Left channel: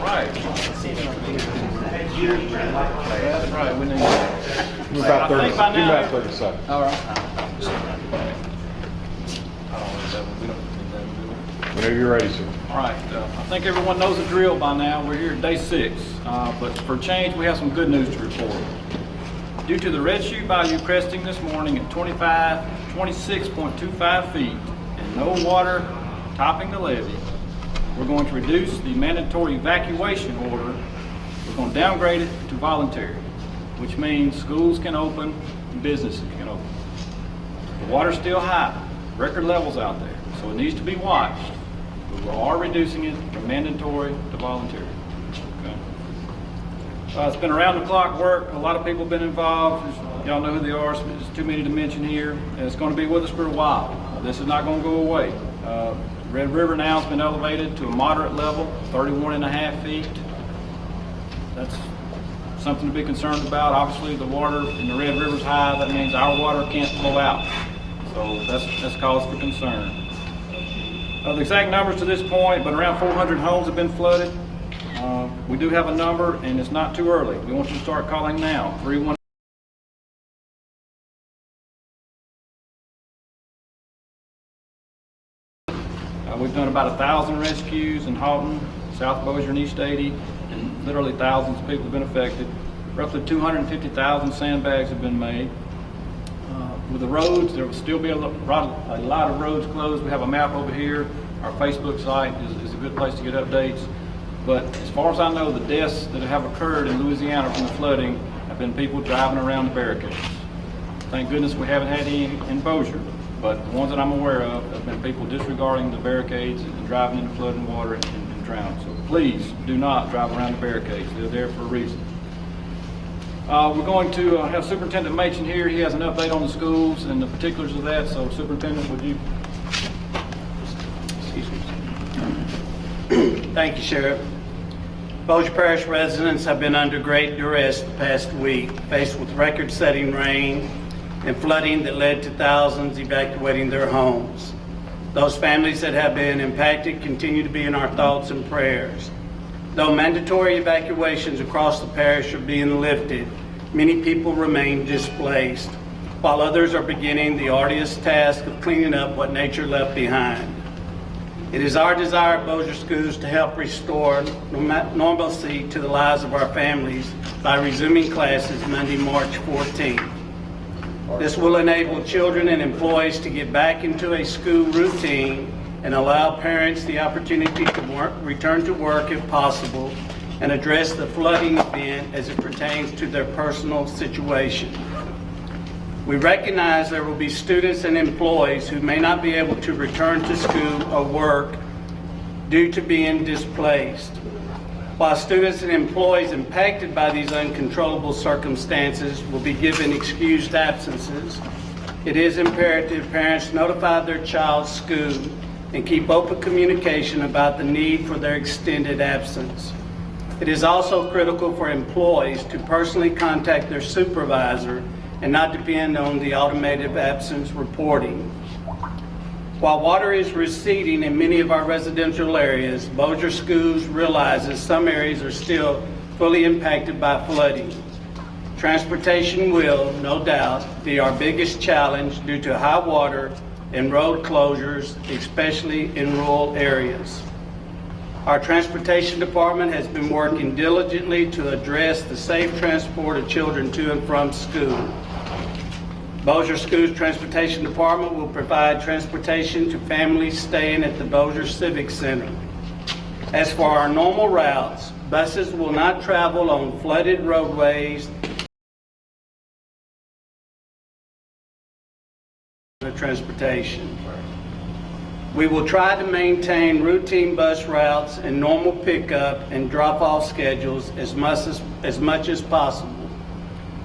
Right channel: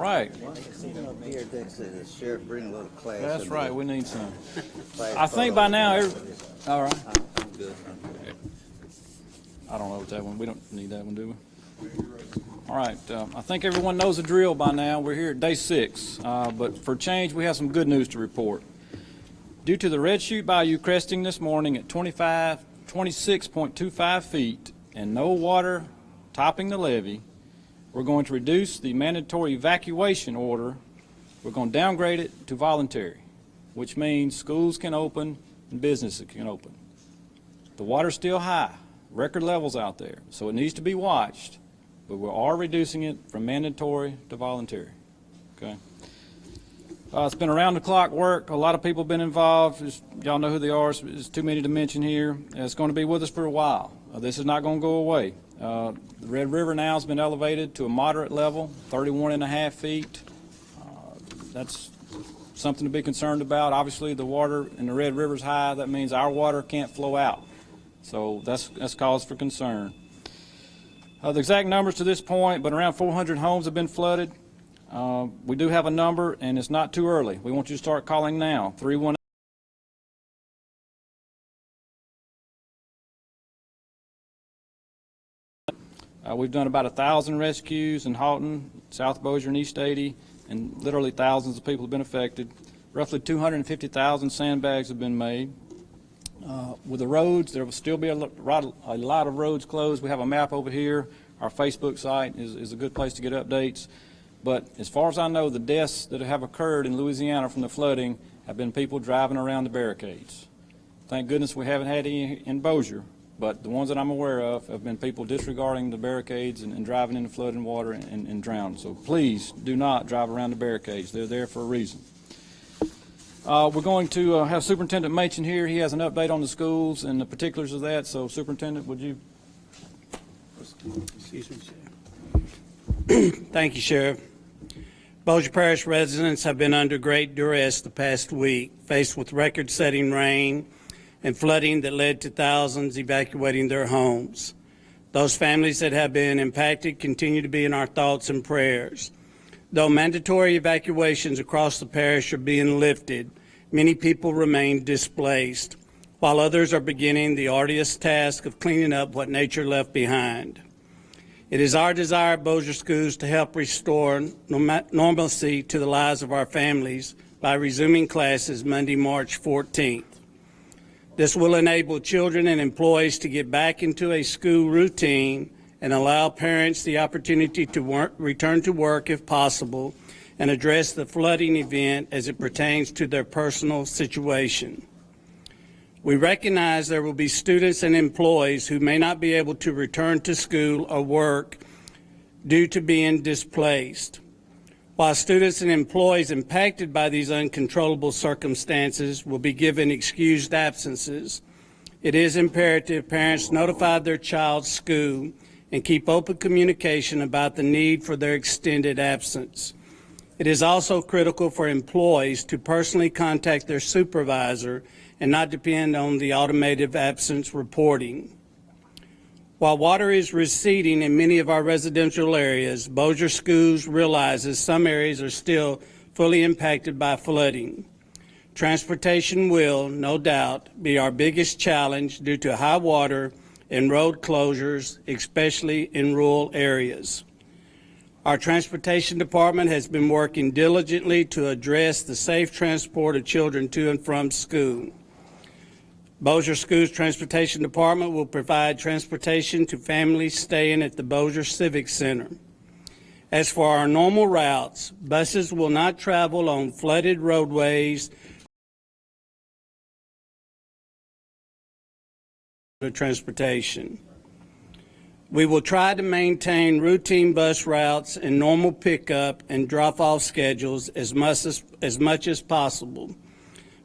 Right. That's right. We need About 30 I think by now. 30 seconds. All right. We don't need that, do we? Whenever you're ready, sir. All right. I think everyone knows the drill by now. We're here at day 6, but for a change, we have some good news to report. Due to the Red Chute Bayou cresting this morning at 26.25 feet and no water topping the levee, we're going to reduce the mandatory evacuation order. We're going to downgrade it to voluntary, which means schools can open and businesses can open. The water's still high, record levels out there, so it needs to be watched. But we are reducing it from mandatory to voluntary. Okay. It's been around the clock work. A lot of people have been involved. Y'all know who they are, so there's too many to mention here. And it's going to be with us for a while. This is not going to go away. Red River now has been elevated to a moderate level, 31.5 feet. That's something to be concerned about. Obviously, the water in the Red River's high. That means our water can't flow out. So that's cause for concern. The exact numbers to this point, but around 400 homes have been flooded. We do have a number, and it's not too early. We want you to start calling now, 318. We've done about 1,000 rescues in Houghton, South Bossier, and East 80, and literally thousands of people have been affected. Roughly 250,000 sandbags have been made. With the roads, there will still be a lot of roads closed. We have a map over here. Our Facebook site is a good place to get updates. But as far as I know, the deaths that have occurred in Louisiana from the flooding have been people driving around the barricades. Thank goodness we haven't had any in Bossier, but the ones that I'm aware of have been people disregarding the barricades and driving into flooding water and drowning. So please do not drive around the barricades. They're there for a reason. We're going to have Superintendent Machen here. He has an update on the schools and the particulars of that. So Superintendent, would you? Thank you, Sheriff. Bossier Parish residents have been under great duress the past week, faced with record-setting rain and flooding that led to thousands evacuating their homes. Those families that have been impacted continue to be in our thoughts and prayers. Though mandatory evacuations across the parish are being lifted, many people remain displaced, while others are beginning the arduous task of cleaning up what nature left behind. It is our desire at Bossier Schools to help restore normalcy to the lives of our families by resuming classes Monday, March 14th. This will enable children and employees to get back into a school routine and allow parents the opportunity to return to work if possible and address the flooding event as it pertains to their personal situation. We recognize there will be students and employees who may not be able to return to school or work due to being displaced. While students and employees impacted by these uncontrollable circumstances will be given excused absences, it is imperative parents notify their child's school and keep open communication about the need for their extended absence. It is also critical for employees to personally contact their supervisor and not depend on the automated absence reporting. While water is receding in many of our residential areas, Bossier Schools realizes some areas are still fully impacted by flooding. Transportation will, no doubt, be our biggest challenge due to high water and road closures, especially in rural areas. Our transportation department has been working diligently to address the safe transport of children to and from school. Bossier Schools Transportation Department will provide transportation to families staying at the Bossier Civic Center. As for our normal routes, buses will not travel on flooded roadways for transportation. We will try to maintain routine bus routes and normal pickup and drop-off schedules as much as possible,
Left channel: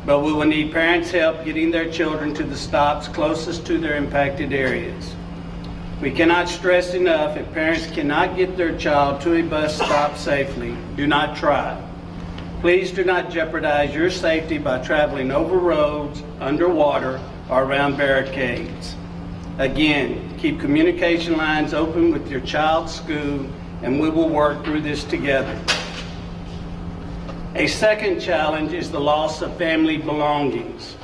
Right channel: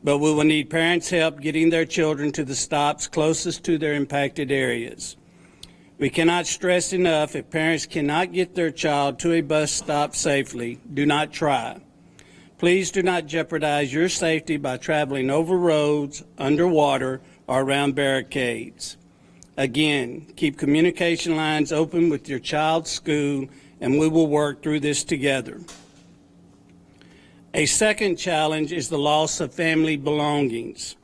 but we will need parents' help getting their children to the stops closest to their impacted areas. We cannot stress enough, if parents cannot get their child to a bus stop safely, do not try. Please do not jeopardize your safety by traveling over roads, underwater, or around barricades. Again, keep communication lines open with your child's school, and we will work through this together. A second challenge is the loss of family belongings.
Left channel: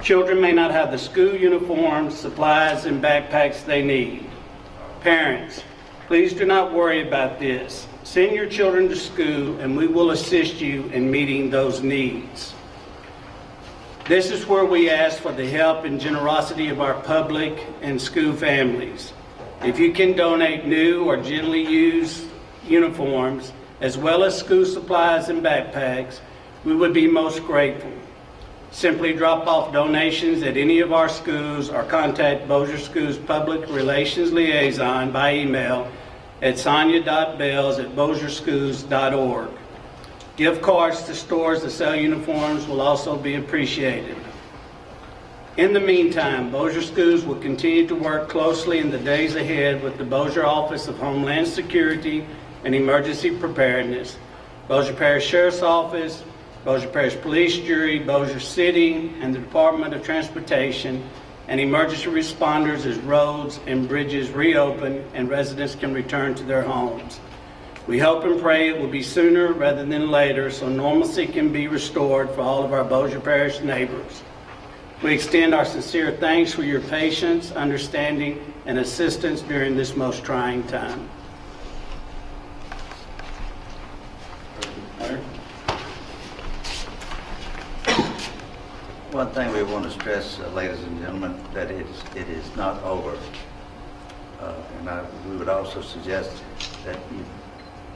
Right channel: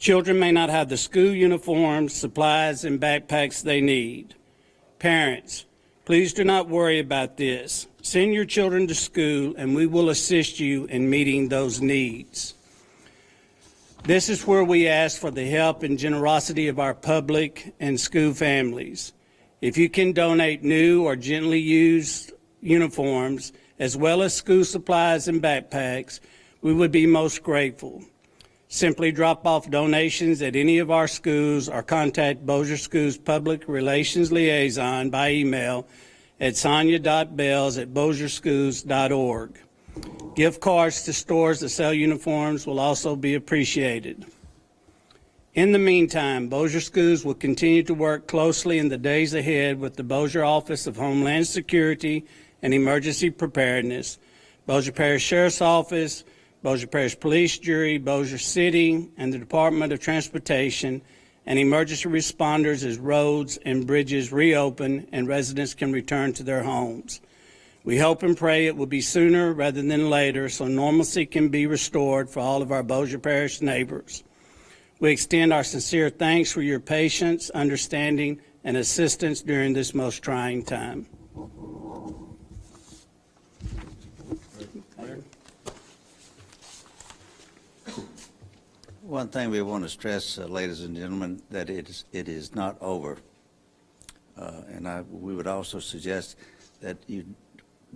Children may not have the school uniforms, supplies, and backpacks they need. Parents, please do not worry about this. Send your children to school and we will assist you in meeting those needs. This is where we ask for the help and generosity of our public and school families. If you can donate new or gently used uniforms, as well as school supplies and backpacks, we would be most grateful. Simply drop off donations at any of our schools or contact Bossier Schools Public Relations Liaison by email at sonia.bells@bossierschools.org. Gift cards to stores that sell uniforms will also be appreciated. In the meantime, Bossier Schools will continue to work closely in the days ahead with the Bossier Office of Homeland Security and Emergency Preparedness, Bossier Parish Sheriff's Office, Bossier Parish Police Jury, Bossier City, and the Department of Transportation, and emergency responders as roads and bridges reopen and residents can return to their homes. We hope and pray it will be sooner rather than later so normalcy can be restored for all of our Bossier Parish neighbors. We extend our sincere thanks for your patience, understanding, and assistance during this most trying time. One thing we want to stress, ladies and gentlemen, that it is not over. We would also suggest that you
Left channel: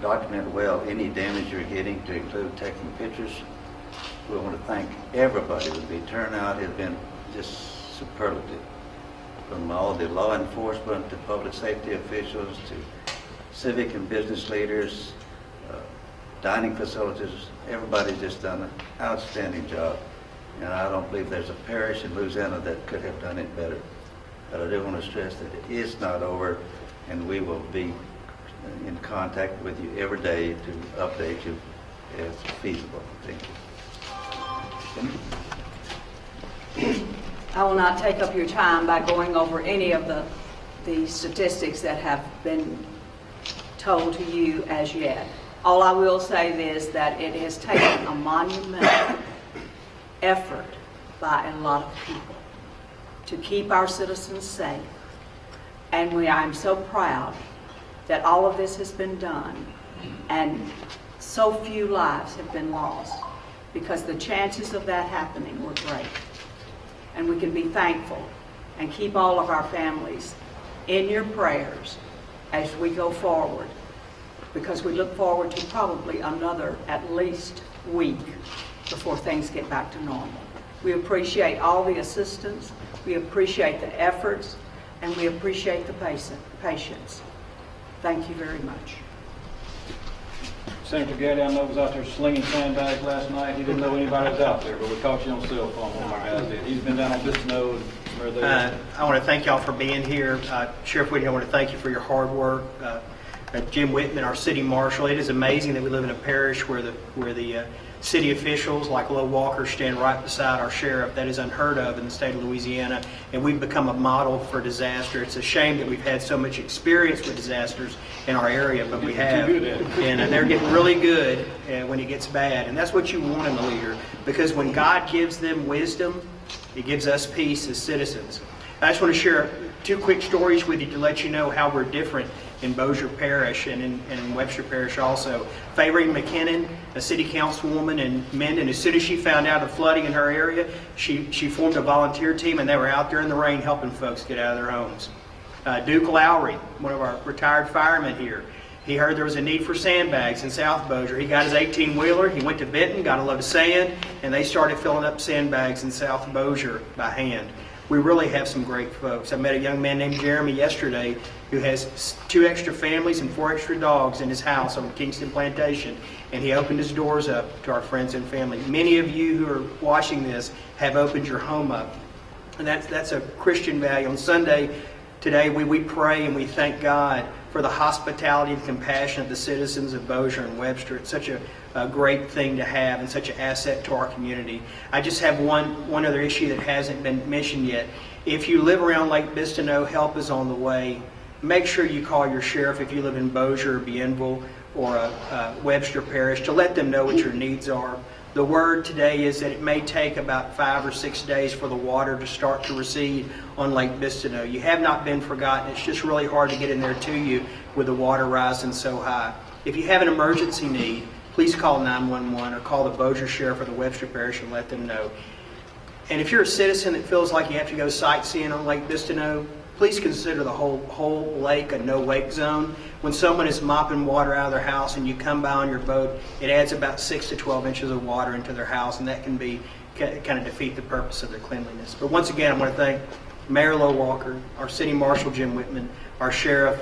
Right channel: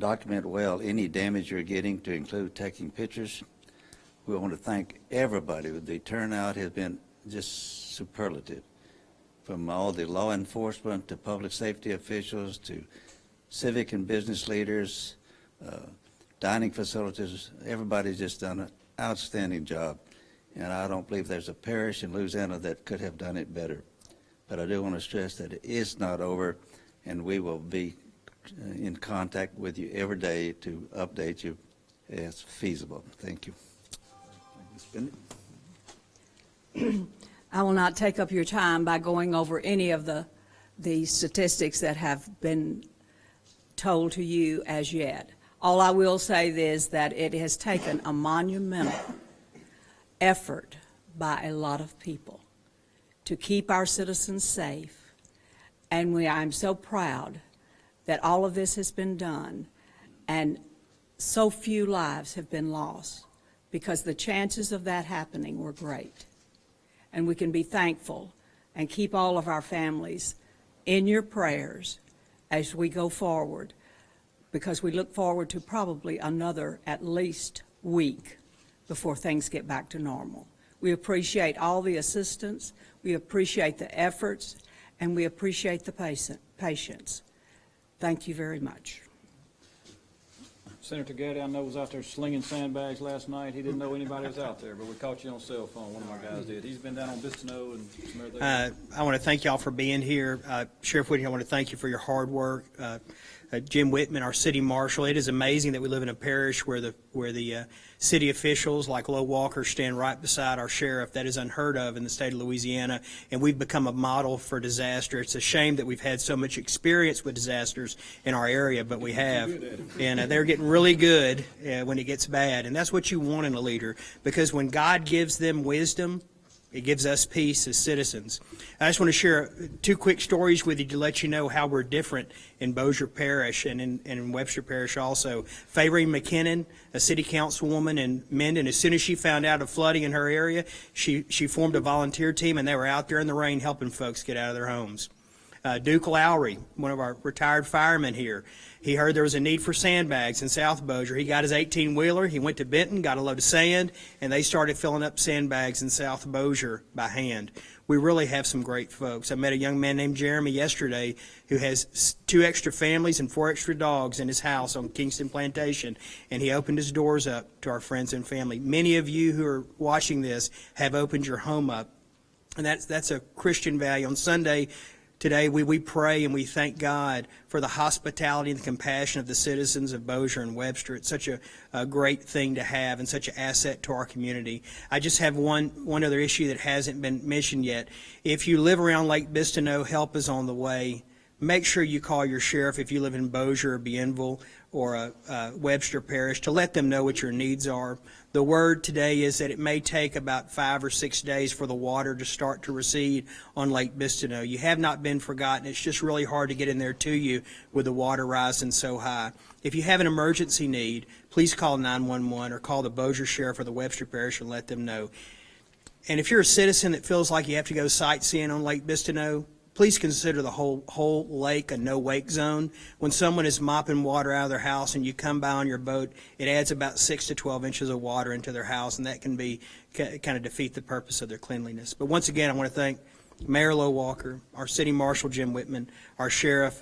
document well any damage you're getting, to include taking pictures. We want to thank everybody. The turnout has been just superlative, from all the law enforcement to public safety officials to civic and business leaders, dining facilities. Everybody's just done an outstanding job. And I don't believe there's a parish in Louisiana that could have done it better. But I do want to stress that it is not over, and we will be in contact with you every day to update you as feasible. Thank you. I will not take up your time by going over any of the statistics that have been told to you as yet. All I will say is that it has taken a monumental effort by a lot of people to keep our citizens safe. And I'm so proud that all of this has been done and so few lives have been lost, because the chances of that happening were great. And we can be thankful and keep all of our families in your prayers as we go forward, because we look forward to probably another at least week before things get back to normal. We appreciate all the assistance, we appreciate the efforts, and we appreciate the patience. Thank you very much. Senator Gaddy, I know was out there slinging sandbags last night. He didn't know anybody was out there, but we caught you on cell phone. One of our guys did. He's been down on Bistineau and somewhere there. I want to thank y'all for being here. Sheriff Whitney, I want to thank you for your hard work. Jim Whitman, our city marshal. It is amazing that we live in a parish where the city officials like Lo Walker stand right beside our sheriff. That is unheard of in the state of Louisiana, and we've become a model for disaster. It's a shame that we've had so much experience with disasters in our area, but we have. And they're getting really good when it gets bad, and that's what you want in a leader, because when God gives them wisdom, it gives us peace as citizens. I just want to share two quick stories with you to let you know how we're different in Bossier Parish and in Webster Parish also. Fayree McKinnon, a city councilwoman in Minden, as soon as she found out of flooding in her area, she formed a volunteer team, and they were out there in the rain helping folks get out of their homes. Duke Lowry, one of our retired firemen here, he heard there was a need for sandbags in South Bossier. He got his 18-wheeler, he went to Benton, got a load of sand, and they started filling up sandbags in South Bossier by hand. We really have some great folks. I met a young man named Jeremy yesterday who has 2 extra families and 4 extra dogs in his house on Kingston Plantation, and he opened his doors up to our friends and family. Many of you who are watching this have opened your home up, and that's a Christian value. On Sunday, Today, we pray and we thank God for the hospitality and compassion of the citizens of Bossier and Webster. It's such a great thing to have and such an asset to our community. I just have one other issue that hasn't been mentioned yet. If you live around Lake Bistineau, help is on the way. Make sure you call your sheriff if you live in Bossier or Bienville or Webster Parish to let them know what your needs are. The word today is that it may take about 5 or 6 days for the water to start to recede on Lake Bistineau. You have not been forgotten. It's just really hard to get in there to you with the water rising so high. If you have an emergency need, please call 911 or call the Bossier Sheriff or the Webster Parish and let them know. And if you're a citizen that feels like you have to go sightseeing on Lake Bistineau, please consider the whole lake a no-wake zone. When someone is mopping water out of their house and you come by on your boat, it adds about 6 to 12 inches of water into their house, and that can be kind of defeat the purpose of their cleanliness. But once again, I want to thank Mayor Low Walker, our City Marshal Jim Whitman, our Sheriff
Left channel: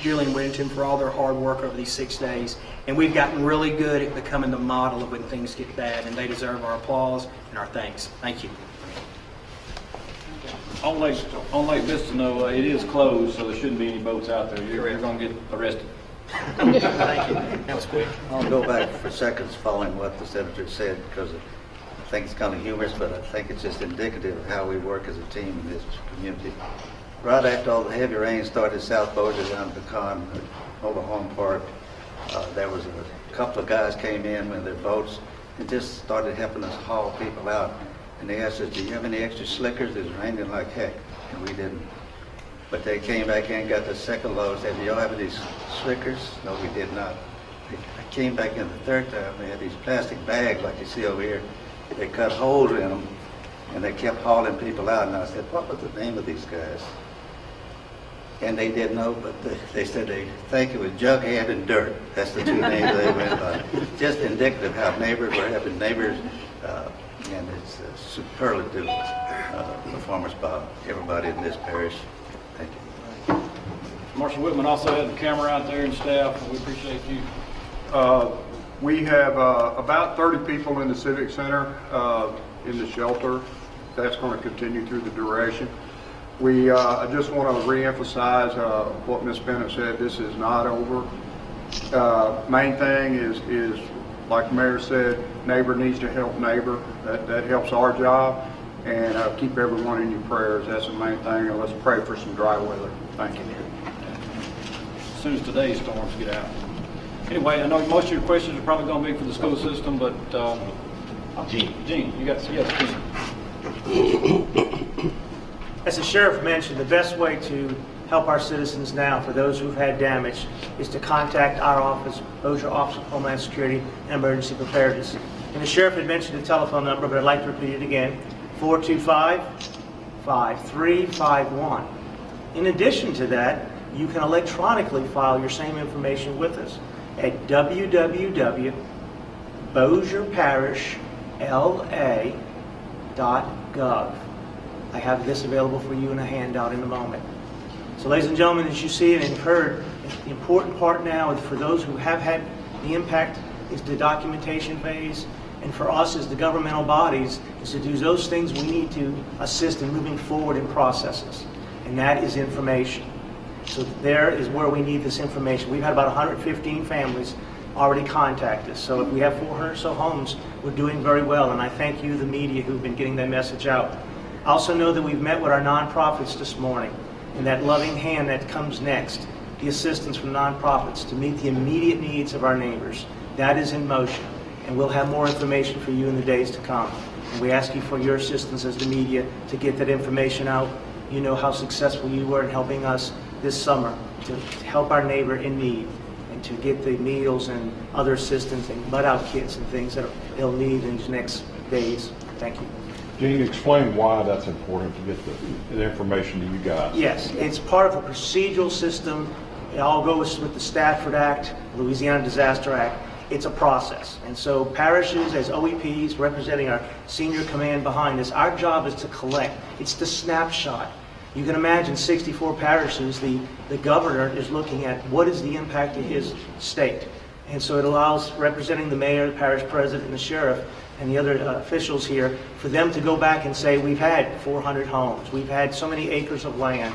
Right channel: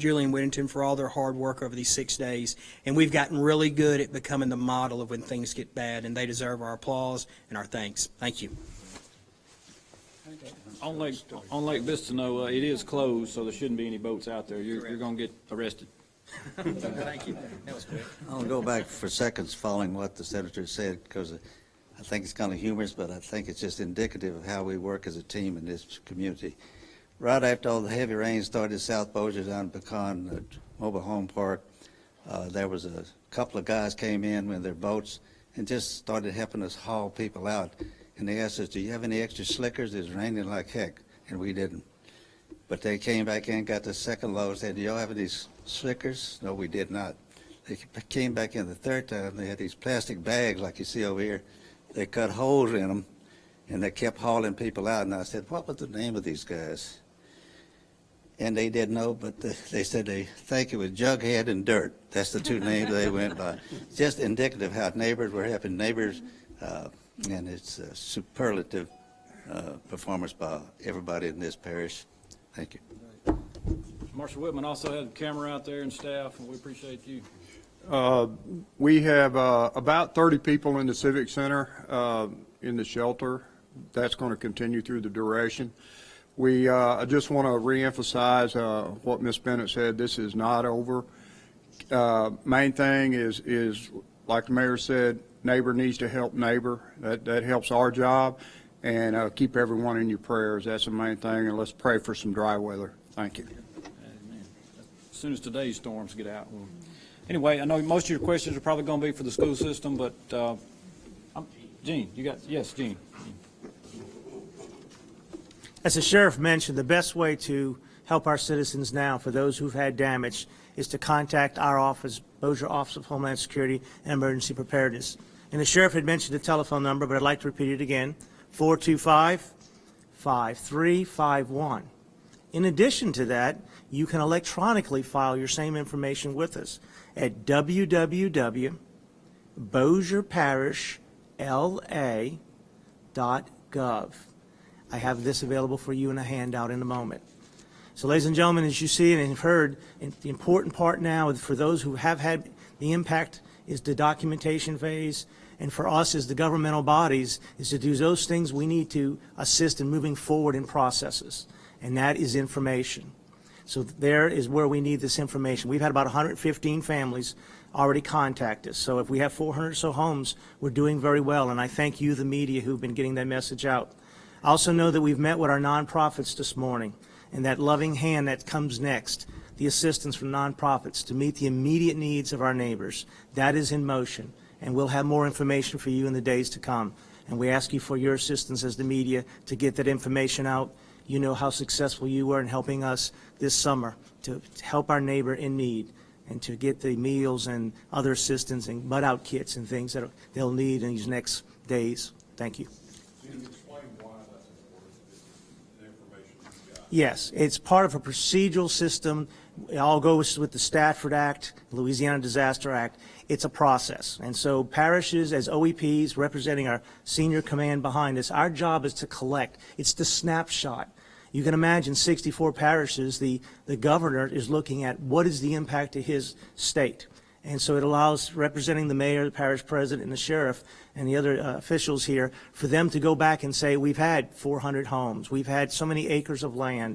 Julian Whittington for all their hard work over these 6 days. And we've gotten really good at becoming the model of when things get bad, and they deserve our applause and our thanks. Thank you. On Lake Bistineau, it is closed, so there shouldn't be any boats out there. You're going to get arrested. Thank you. That was quick. I'll go back for seconds following what the senator said, because I think it's kind of humorous, but I think it's just indicative of how we work as a team in this community. Right after all the heavy rain started South Bossier down Pecan, Mobile Home Park, there was a couple of guys came in with their boats and just started helping us haul people out. And they asked us, do you have any extra slickers? It was raining like heck, and we didn't. But they came back in, got the second load, said, do y'all have any slickers? No, we did not. They came back in the third time, they had these plastic bags like you see over here. They cut holes in them, and they kept hauling people out. And I said, what was the name of these guys? And they didn't know, but they said they think it was Jughead and Dirt. That's the two names they went by. Just indicative how neighbors were having neighbors, and it's a superlative performance by everybody in this parish. Thank you. Marshal Whitman also had the camera out there and staff, and we appreciate you. We have about 30 people in the Civic Center in the shelter. That's going to continue through the duration. I just want to reemphasize what Ms. Bennett said. This is not over. Main thing is, like the mayor said, neighbor needs to help neighbor. That helps our job. And keep everyone in your prayers. That's the main thing. And let's pray for some dry weather. Thank you. As soon as today's storms get out. Anyway, I know most of your questions are probably going to be for the school system, but Gene, you got, yes, Gene. As the sheriff mentioned, the best way to help our citizens now, for those who've had damage, is to contact our office, Bossier Office of Homeland Security and Emergency Preparedness. And the sheriff had mentioned the telephone number, but I'd like to repeat it again, 425-5351. In addition to that, you can electronically file your same information with us at www.bossierparishla.gov. I have this available for you in a handout in a moment. So ladies and gentlemen, as you see and have heard, the important part now is for those who have had the impact is the documentation phase, and for us as the governmental bodies is to do those things we need to assist in moving forward in processes, and that is information. So there is where we need this information. We've had about 115 families already contact us. So if we have 400 or so homes, we're doing very well, and I thank you, the media, who've been getting that message out. I also know that we've met with our nonprofits this morning, and that loving hand that comes next, the assistance from nonprofits to meet the immediate needs of our neighbors. That is in motion, and we'll have more information for you in the days to come. And we ask you for your assistance as the media to get that information out. You know how successful you were in helping us this summer to help our neighbor in need and to get the meals and other assistance and mud-out kits and things that they'll need in these next days. Thank you. Gene, explain why that's important to get the information to you guys. Yes, it's part of a procedural system. It all goes with the Stafford Act, Louisiana Disaster Act. It's a process. And so parishes, as OEPs, representing our senior command behind us, our job is to collect. It's the snapshot. You can imagine 64 parishes, the governor is looking at what is the impact of his state. And so it allows, representing the mayor, the parish president, and the sheriff, and the other officials here, for them to go back and say, we've had 400 homes, we've had so many acres of land,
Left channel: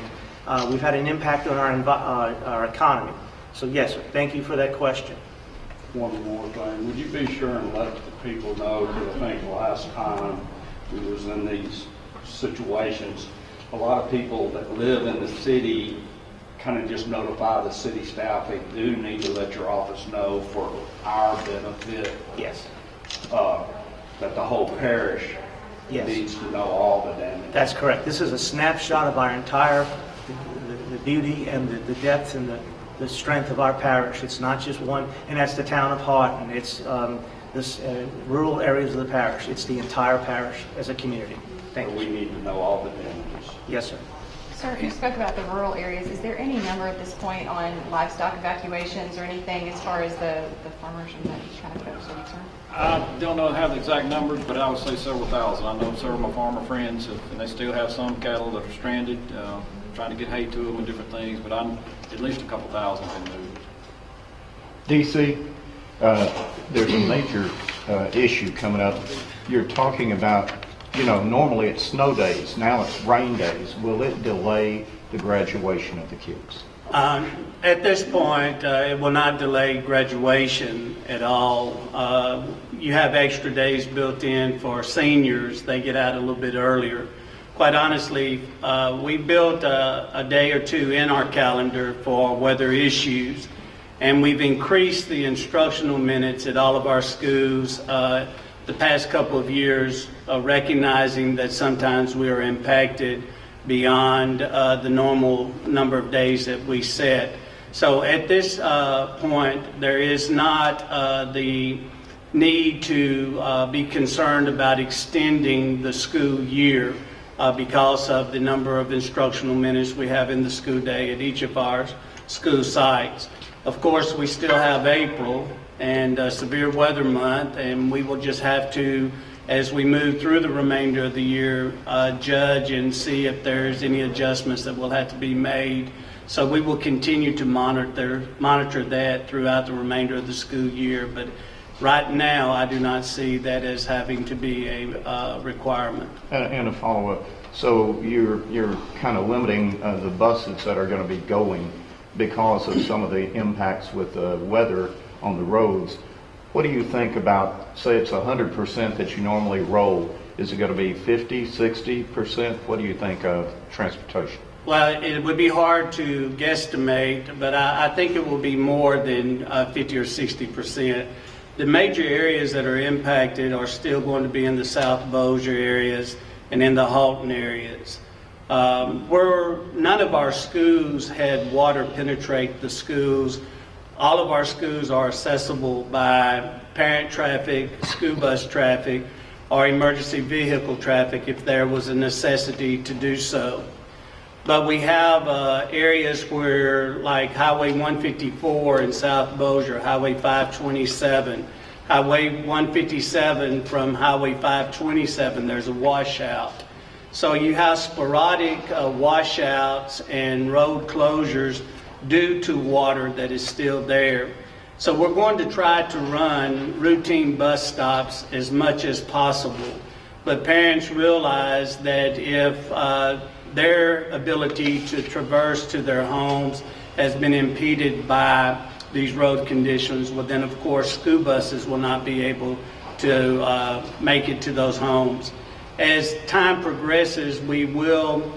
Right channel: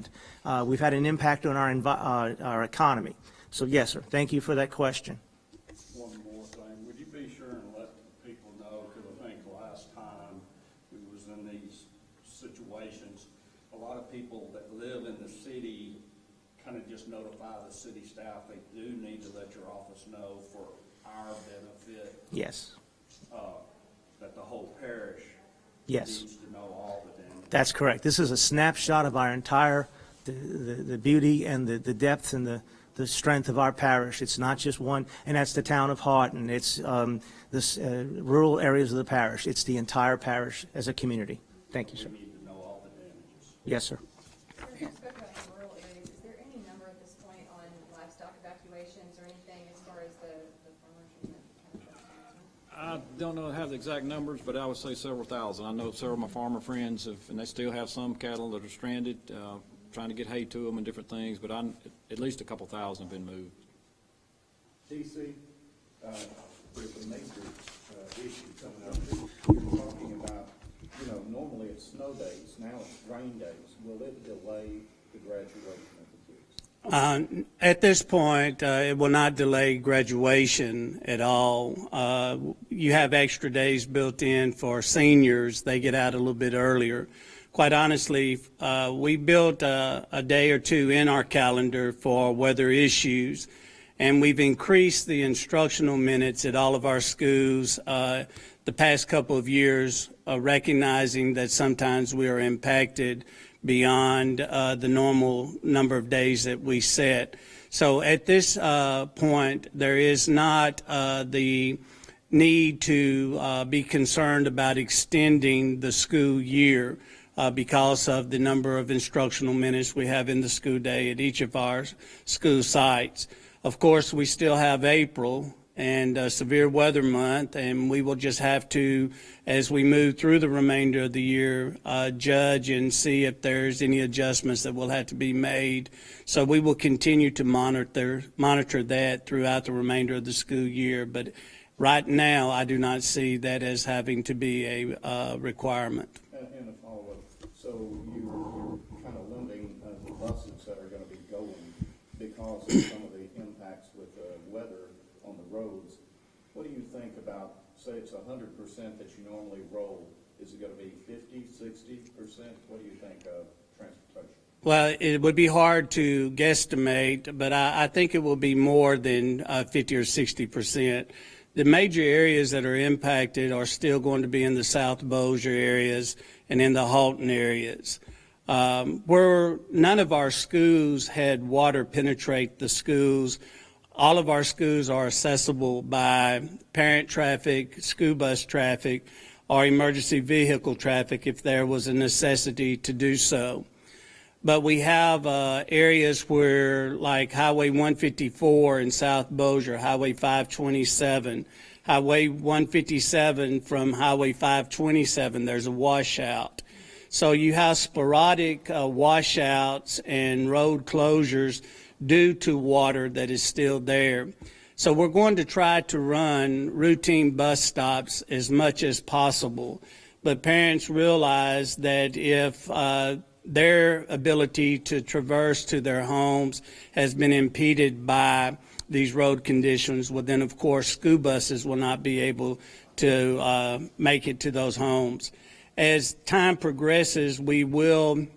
we've had an impact on our economy. So yes, sir, thank you for that question. One more thing, would you be sure and let the people know, because I think last time we was in these situations, a lot of people that live in the city kind of just notify the city staff, they do need to let your office know for our benefit, Yes. that the whole parish Yes. needs to know all the damage. That's correct. This is a snapshot of our entire, the beauty and the depth and the strength of our parish. It's not just one, and that's the town of Houghton. It's this rural areas of the parish. It's the entire parish as a community. Thank So you. we sir. need to know all the damages. Yes, sir. Sir, you spoke about the rural areas. Is there any number at this point on livestock evacuations or anything as far as the farmers and the kind of folks are concerned? I don't know, have the exact numbers, but I would say several thousand. I know several of my farmer friends, and they still have some cattle that are stranded, trying to get hay to them and different things, but I'm at least a couple thousand been moved. DC, there's a major issue coming up. You're talking about, normally it's snow days, now it's rain days. Will it delay the graduation of the kids? At this point, it will not delay graduation at all. You have extra days built in for seniors. They get out a little bit earlier. Quite honestly, we built a day or two in our calendar for weather issues, and we've increased the instructional minutes at all of our schools the past couple of years, recognizing that sometimes we are impacted beyond the normal number of days that we set. So at this point, there is not the need to be concerned about extending the school year because of the number of instructional minutes we have in the school day at each of our school sites. Of course, we still have April and severe weather month, and we will just have to, as we move through the remainder of the year, judge and see if there's any adjustments that will have to be made. So we will continue to monitor that throughout the remainder of the school year. But right now, I do not see that as having to be a requirement. And a follow-up. So you're kind of limiting the buses that are going to be going because of some of the impacts with the weather on the roads. What do you think about, say it's 100% that you normally roll, is it going to be 50, 60%? What do you think of transportation? Well, it would be hard to guesstimate, but I think it will be more than 50 or 60%. The major areas that are impacted are still going to be in the South Bossier areas and in the Houghton areas. Where none of our schools had water penetrate the schools, all of our schools are accessible by parent traffic, school bus traffic, or emergency vehicle traffic if there was a necessity to do so. But we have areas where, like Highway 154 in South Bossier, Highway 527, Highway 157 from Highway 527, there's a washout. So you have sporadic washouts and road closures due to water that is still there. So we're going to try to run routine bus stops as much as possible. But parents realize that if their ability to traverse to their homes has been impeded by these road conditions, well then of course school buses will not be able to make it to those homes. As time progresses, we will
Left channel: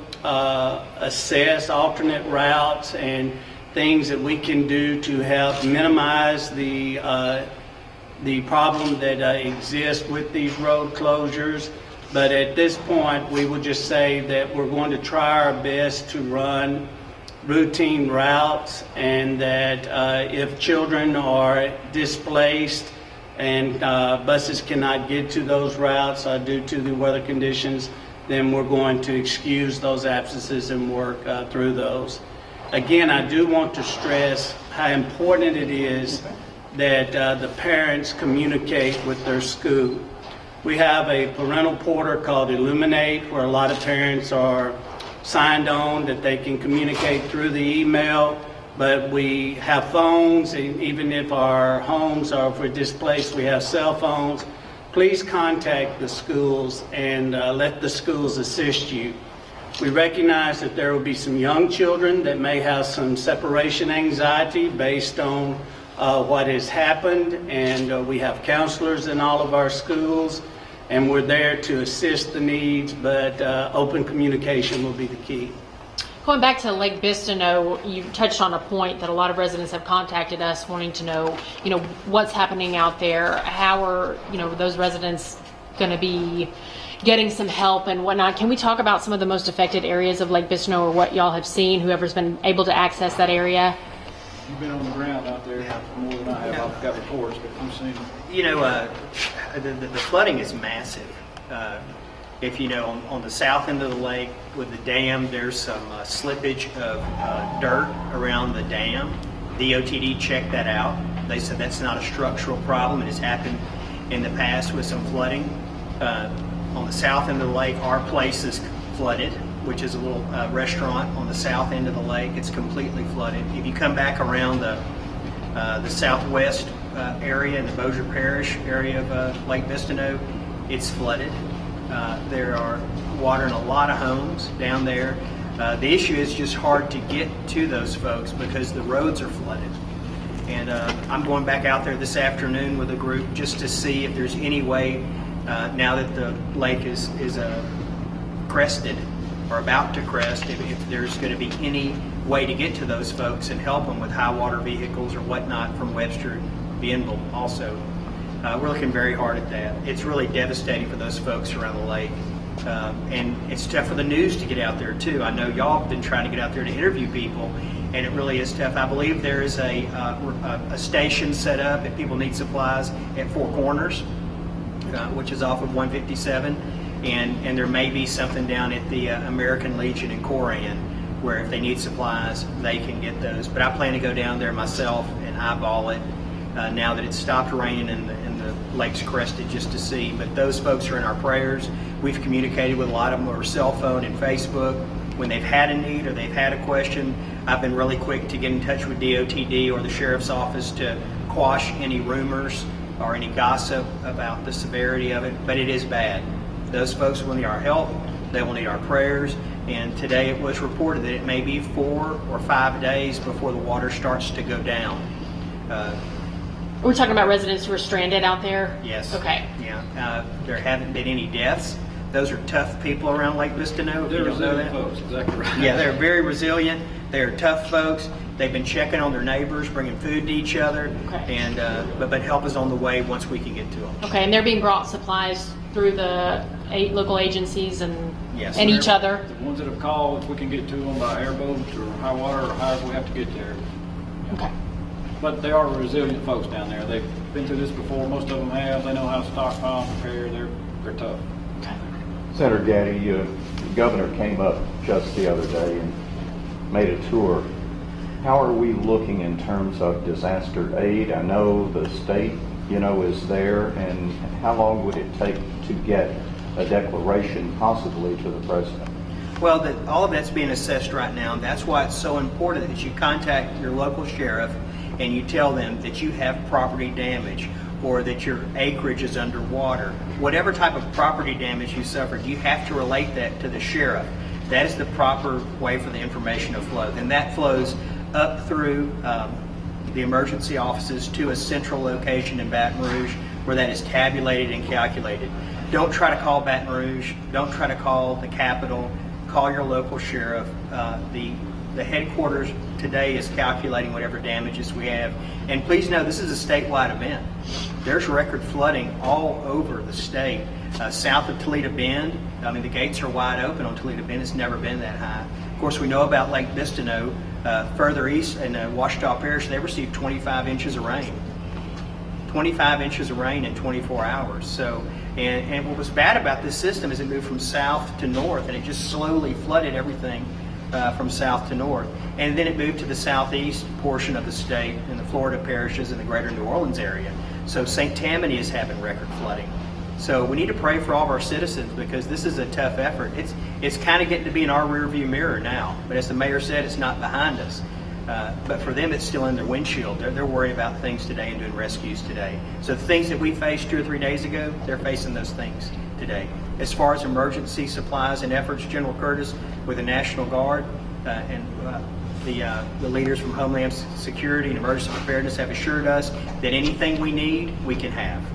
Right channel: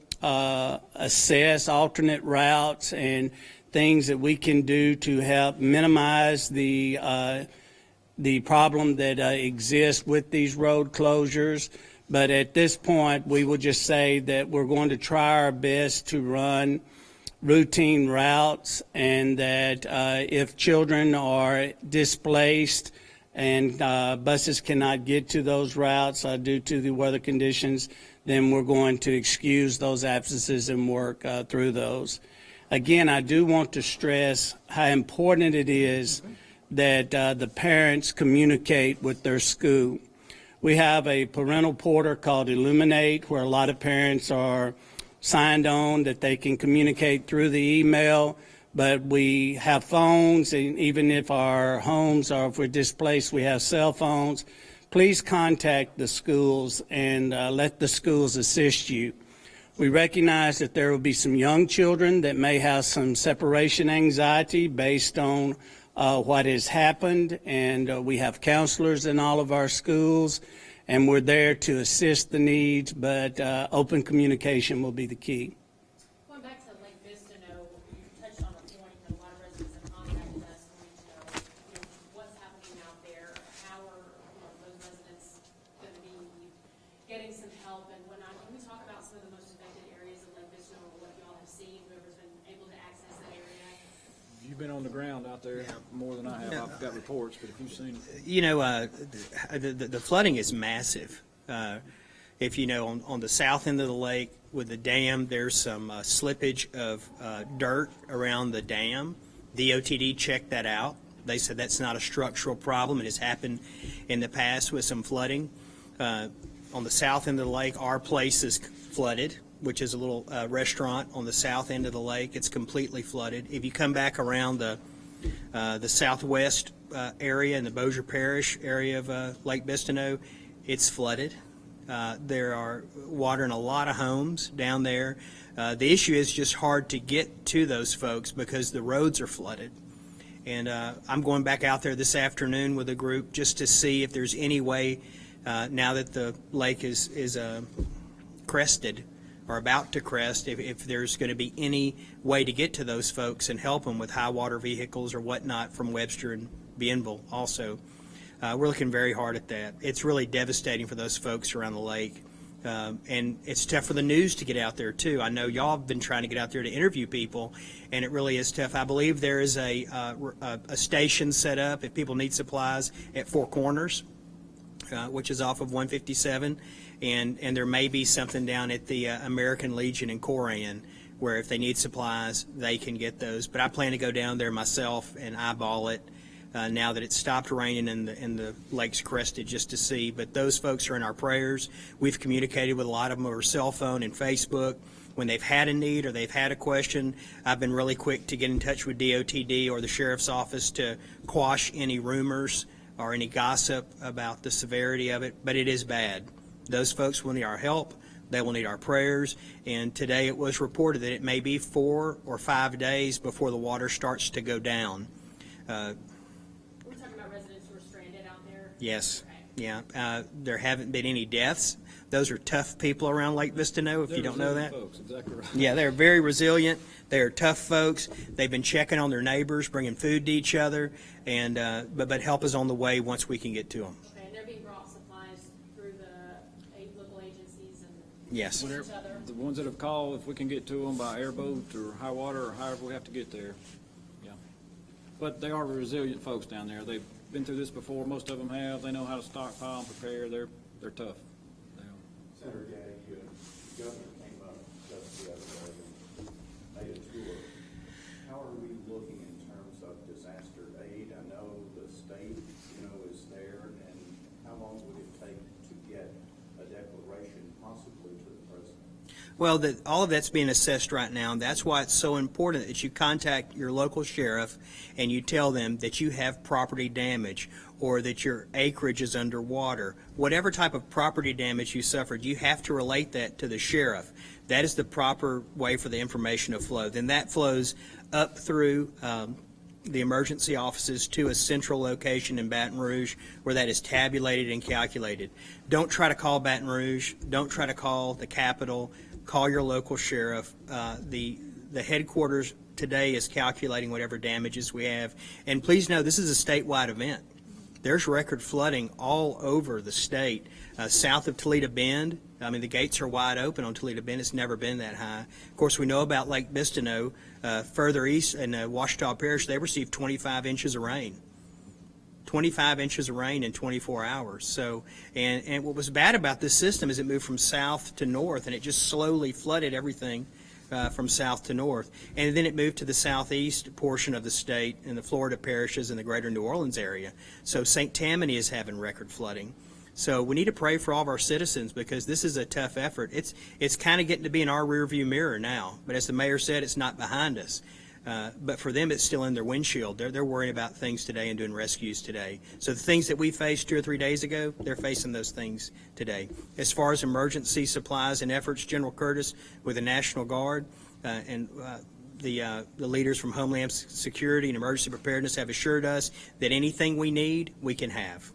assess alternate routes and things that we can do to help minimize the problem that exists with these road closures. But at this point, we will just say that we're going to try our best to run routine routes, and that if children are displaced and buses cannot get to those routes due to the weather conditions, then we're going to excuse those absences and work through those. Again, I do want to stress how important it is that the parents communicate with their school. We have a parental portal called Illuminate, where a lot of parents are signed on that they can communicate through the email, but we have phones, and even if our homes are, if we're displaced, we have cell phones. Please contact the schools and let the schools assist you. We recognize that there will be some young children that may have some separation anxiety based on what has happened, and we have counselors in all of our schools, and we're there to assist the needs, but open communication will be the key. Going back to Lake Bistineau, you touched on a point that a lot of residents have contacted us wanting to know, what's happening out there. How are, those residents going to be getting some help and whatnot? Can we talk about some of the most affected areas of Lake Bistineau, or what y'all have seen, whoever's been able to access that area? You've been on the ground out there more than I have. I've got reports, but you've seen The flooding is massive. If on the south end of the lake with the dam, there's some slippage of dirt around the dam. The OTD checked that out. They said that's not a structural problem. It has happened in the past with some flooding. On the south end of the lake, our place is flooded, which is a little restaurant on the south end of the lake. It's completely flooded. If you come back around the southwest area in the Bossier Parish area of Lake Bistineau, it's flooded. There are water in a lot of homes down there. The issue is just hard to get to those folks because the roads are flooded. And I'm going back out there this afternoon with a group just to see if there's any way, now that the lake is crested or about to crest, if there's going to be any way to get to those folks and help them with high water vehicles or whatnot from Webster and Bienville also. We're looking very hard at that. It's really devastating for those folks around the lake. And it's tough for the news to get out there too. I know y'all have been trying to get out there to interview people, and it really is tough. I believe there is a station set up if people need supplies at Four Corners, which is off of 157, and there may be something down at the American Legion in Coran, where if they need supplies, they can get those. But I plan to go down there myself and eyeball it now that it's stopped raining and the lake's crested, just to see. But those folks are in our prayers. We've communicated with a lot of them over cell phone and Facebook. When they've had a need or they've had a question, I've been really quick to get in touch with DOTD or the Sheriff's Office to quash any rumors or any gossip about the severity of it. But it is bad. Those folks will need our help. They will need our prayers. And today it was reported that it may be 4 or 5 days before the water starts to go down. We're talking about residents who are stranded out there? Yes. Okay. Yeah. There haven't been any deaths. Those are tough people around Lake Bistineau, if you don't know that. folks, exactly right. Yeah, they're very resilient. They're tough folks. They've been checking on their neighbors, bringing food to each other, Okay. and but help is on the way once we can get to them. Okay, and they're being brought supplies through the 8 local agencies and Yes. and each other? The ones that have called, if we can get to them by airboat or high water or however we have to get there. Okay. But they are resilient folks down there. They've been through this before. Most of them have. They know how to stockpile, prepare. They're tough. Okay. Senator Gaddy, the governor came up just the other day and made a tour. How are we looking in terms of disaster aid? I know the state, is there, and how long would it take to get a declaration possibly to the president? Well, all of that's being assessed right now. That's why it's so important that you contact your local sheriff and you tell them that you have property damage or that your acreage is underwater. Whatever type of property damage you suffered, you have to relate that to the sheriff. That is the proper way for the information to flow. Then that flows up through the emergency offices to a central location in Baton Rouge where that is tabulated and calculated. Don't try to call Baton Rouge. Don't try to call the Capitol. Call your local sheriff. The headquarters today is calculating whatever damages we have. And please know this is a statewide event. There's record flooding all over the state. South of Toledo Bend, the gates are wide open on Toledo Bend. It's never been that high. Of course, we know about Lake Bistineau. Further east in Ouachita Parish, they received 25 inches of rain. 25 inches of rain in 24 hours. So, and what was bad about this system is it moved from south to north, and it just slowly flooded everything from south to north. And then it moved to the southeast portion of the state in the Florida parishes and the greater New Orleans area. So St. Tammany is having record flooding. So we need to pray for all of our citizens because this is a tough effort. It's kind of getting to be in our rearview mirror now. But as the mayor said, it's not behind us. But for them, it's still in their windshield. They're worrying about things today and doing rescues today. So the things that we faced 2 or 3 days ago, they're facing those things today. As far as emergency supplies and efforts, General Curtis with the National Guard and the leaders from Homeland Security and Emergency Preparedness have assured us that anything we need, we can have.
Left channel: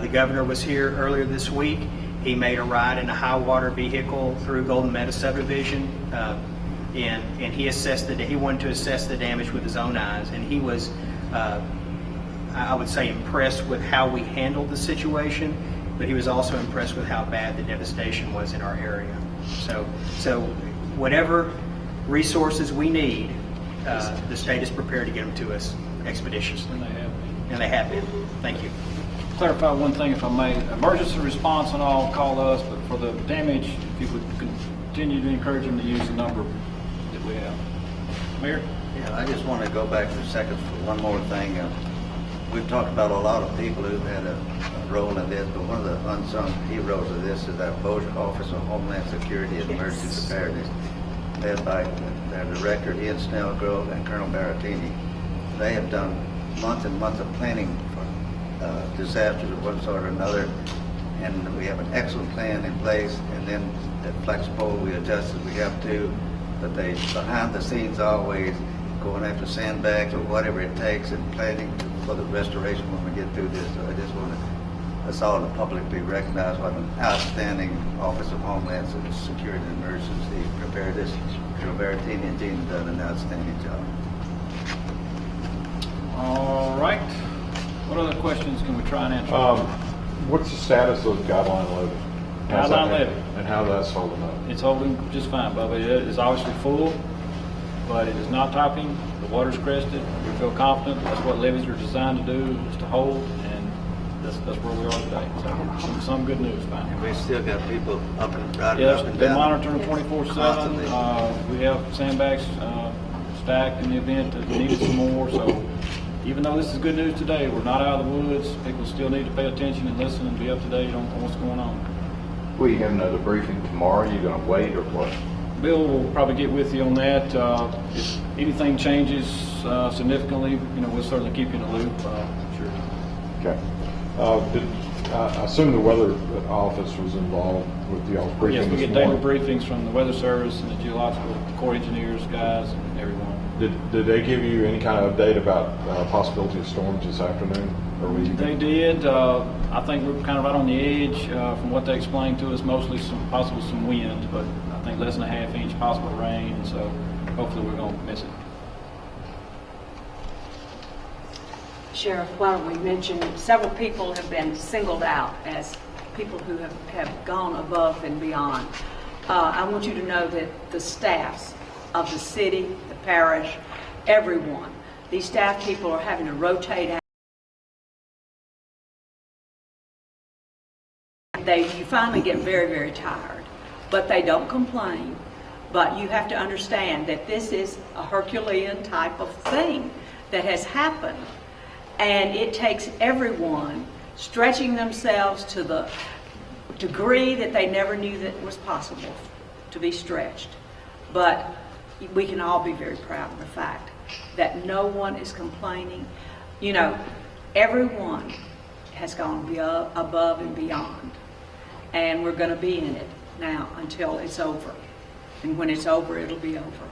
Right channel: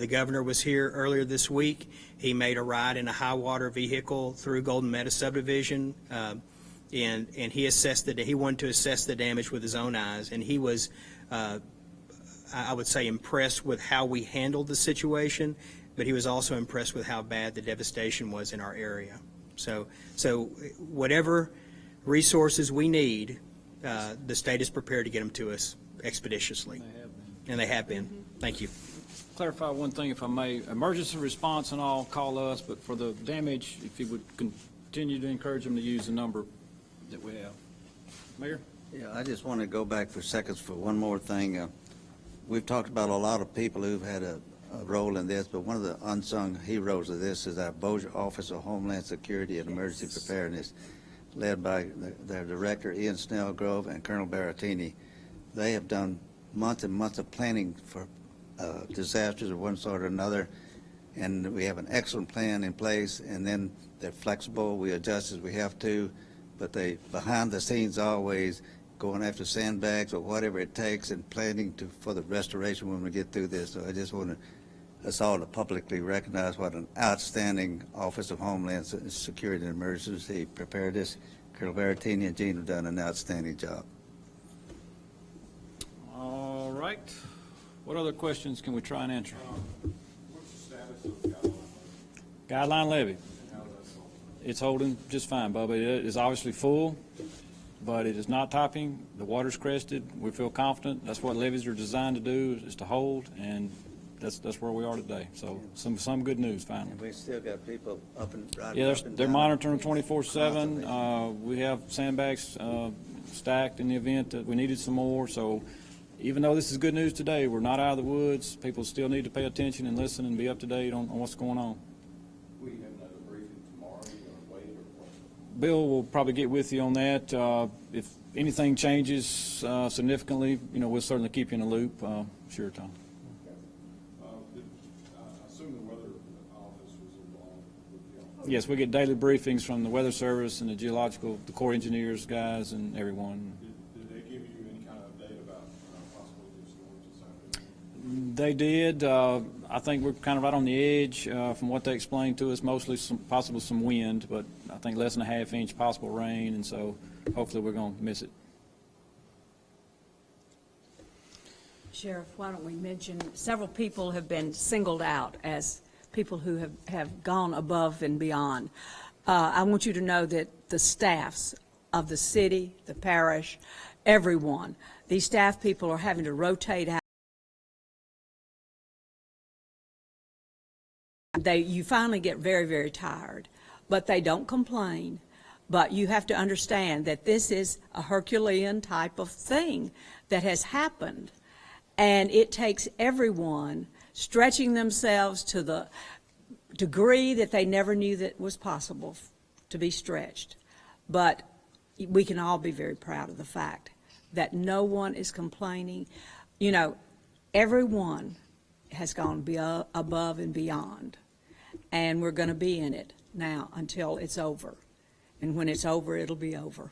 The governor was here earlier this week. He made a ride in a high water vehicle through Golden Meadow subdivision, and he assessed he wanted to assess the damage with his own eyes, and he was, I would say, impressed with how we handled the situation, but he was also impressed with how bad the devastation was in our area. So whatever resources we need, the state is prepared to get them to us expeditiously. And they have been. Thank you. Clarify one thing, if I may. Emergency response and all, call us, but for the damage, if you would continue to encourage them to use the number that we have. Mayor? Yeah, I just want to go back for seconds for one more thing. We've talked about a lot of people who've had a role in this, but one of the unsung heroes of this is that Bossier Office of Homeland Security and Emergency Preparedness, led by their director, Ian Snellgrove, and Colonel Baratini. They have done months and months of planning for disasters of one sort or another, and we have an excellent plan in place, and then they're flexible, we adjust as we have to, but they, behind the scenes, always going after sandbags or whatever it takes and planning for the restoration when we get through this. So I just want us all to publicly recognize what an outstanding Office of Homeland Security and Emergency Preparedness. Colonel Baratini and Gene have done an outstanding job. All right. What other questions can we try and answer? What's the status of Guideline Load? How's that Guideline Levy. And how that's holding up? It's holding just fine, Bubba. It is obviously full, but it is not topping. The water's crested. We feel confident. That's what levees are designed to do, is to hold, and that's where we are today. So some good news, finally. We still got people up and riding Yes, up and they're down. monitoring 24/7. We have sandbags stacked in the event that we needed some more. So even though this is good news today, we're not out of the woods. People still need to pay attention and listen and be up to date on what's going on. Will you have another briefing tomorrow? Are you going to wait or what? Bill will probably get with you on that. If anything changes significantly, we'll certainly keep you in the loop. Sure. Okay. I assume the weather office was involved with y'all's briefing. Yes, we get this daily morning. briefings from the Weather Service and the Geological Corps engineers, guys, and everyone. Did they give you any kind of update about possibility of storms this afternoon? Or were you? They did. I think we're kind of right on the edge from what they explained to us. Mostly possibly some wind, but I think less than a half inch possible rain. And so hopefully we're going to miss it. Sheriff, why don't we mention, several people have been singled out as people who have gone above and beyond. I want you to know that the staffs of the city, the parish, everyone, these staff people are having to rotate out. You finally get very, very tired, but they don't complain. But you have to understand that this is a Herculean type of thing that has happened. And it takes everyone stretching themselves to the degree that they never knew that was possible to be stretched. But we can all be very proud of the fact that no one is complaining. Everyone has gone above and beyond. And we're going to be in it now until it's over. And when it's over, it'll be over.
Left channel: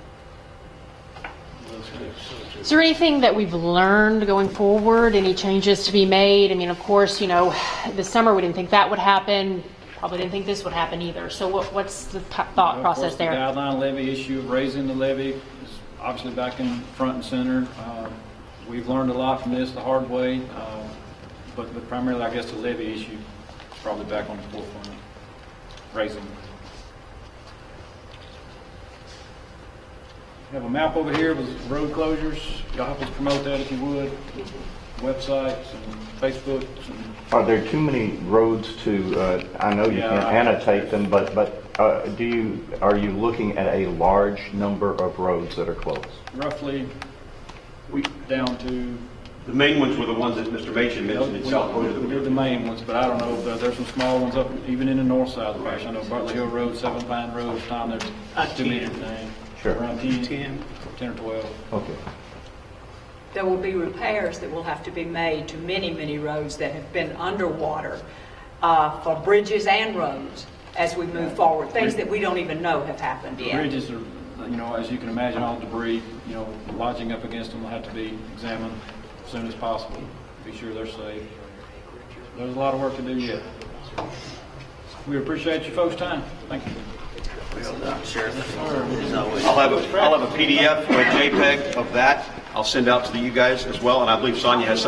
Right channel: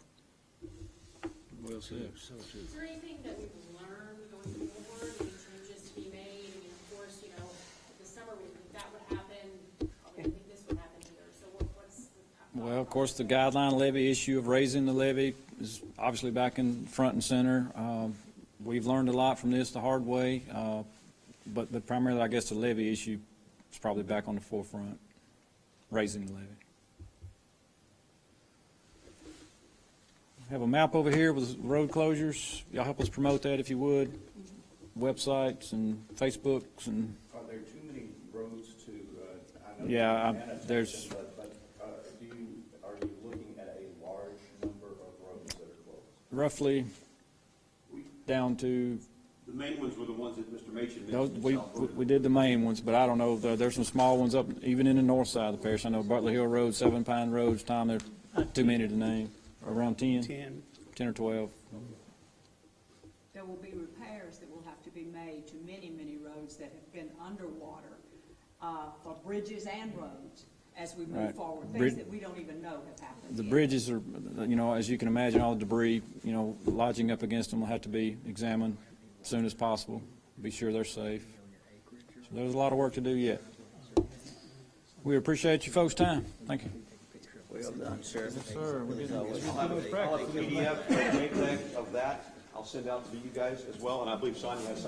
Is there anything that we've learned going forward? Any changes to be made? I mean, of course, this summer we didn't think that would happen. Probably didn't think this would happen either. So what's the thought process there? Of course, the guideline levy issue of raising the levy is obviously back in front and center. We've learned a lot from this the hard way, but primarily, I guess, the levy issue is probably back on the forefront. Raising the levy. We have a map over here with road closures. Y'all help us promote that if you would. Websites and Facebooks and. Are there too many roads to, I know you can annotate them, but are you looking at a large number of roads that are closed? Roughly down to. The main ones were the ones that Mr. Machin mentioned in South Florida. We did the main ones, but I don't know, there's some small ones up, even in the north side of the parish. I know Bartley Hill Road, Seven Pine Road, Tom, they're 2 meters in name. Sure. Around 10 or 12. Okay. There will be repairs that will have to be made to many, many roads that have been underwater for bridges and roads as we move forward, things that we don't even know have happened The yet. bridges are, as you can imagine, all debris, lodging up against them will have to be examined as soon as possible, be sure they're safe. There's a lot of work to do yet. We appreciate you folks' time. Thank you. I'll have a PDF or a JPEG of that. I'll send out to you guys as well, and I believe Sonia has something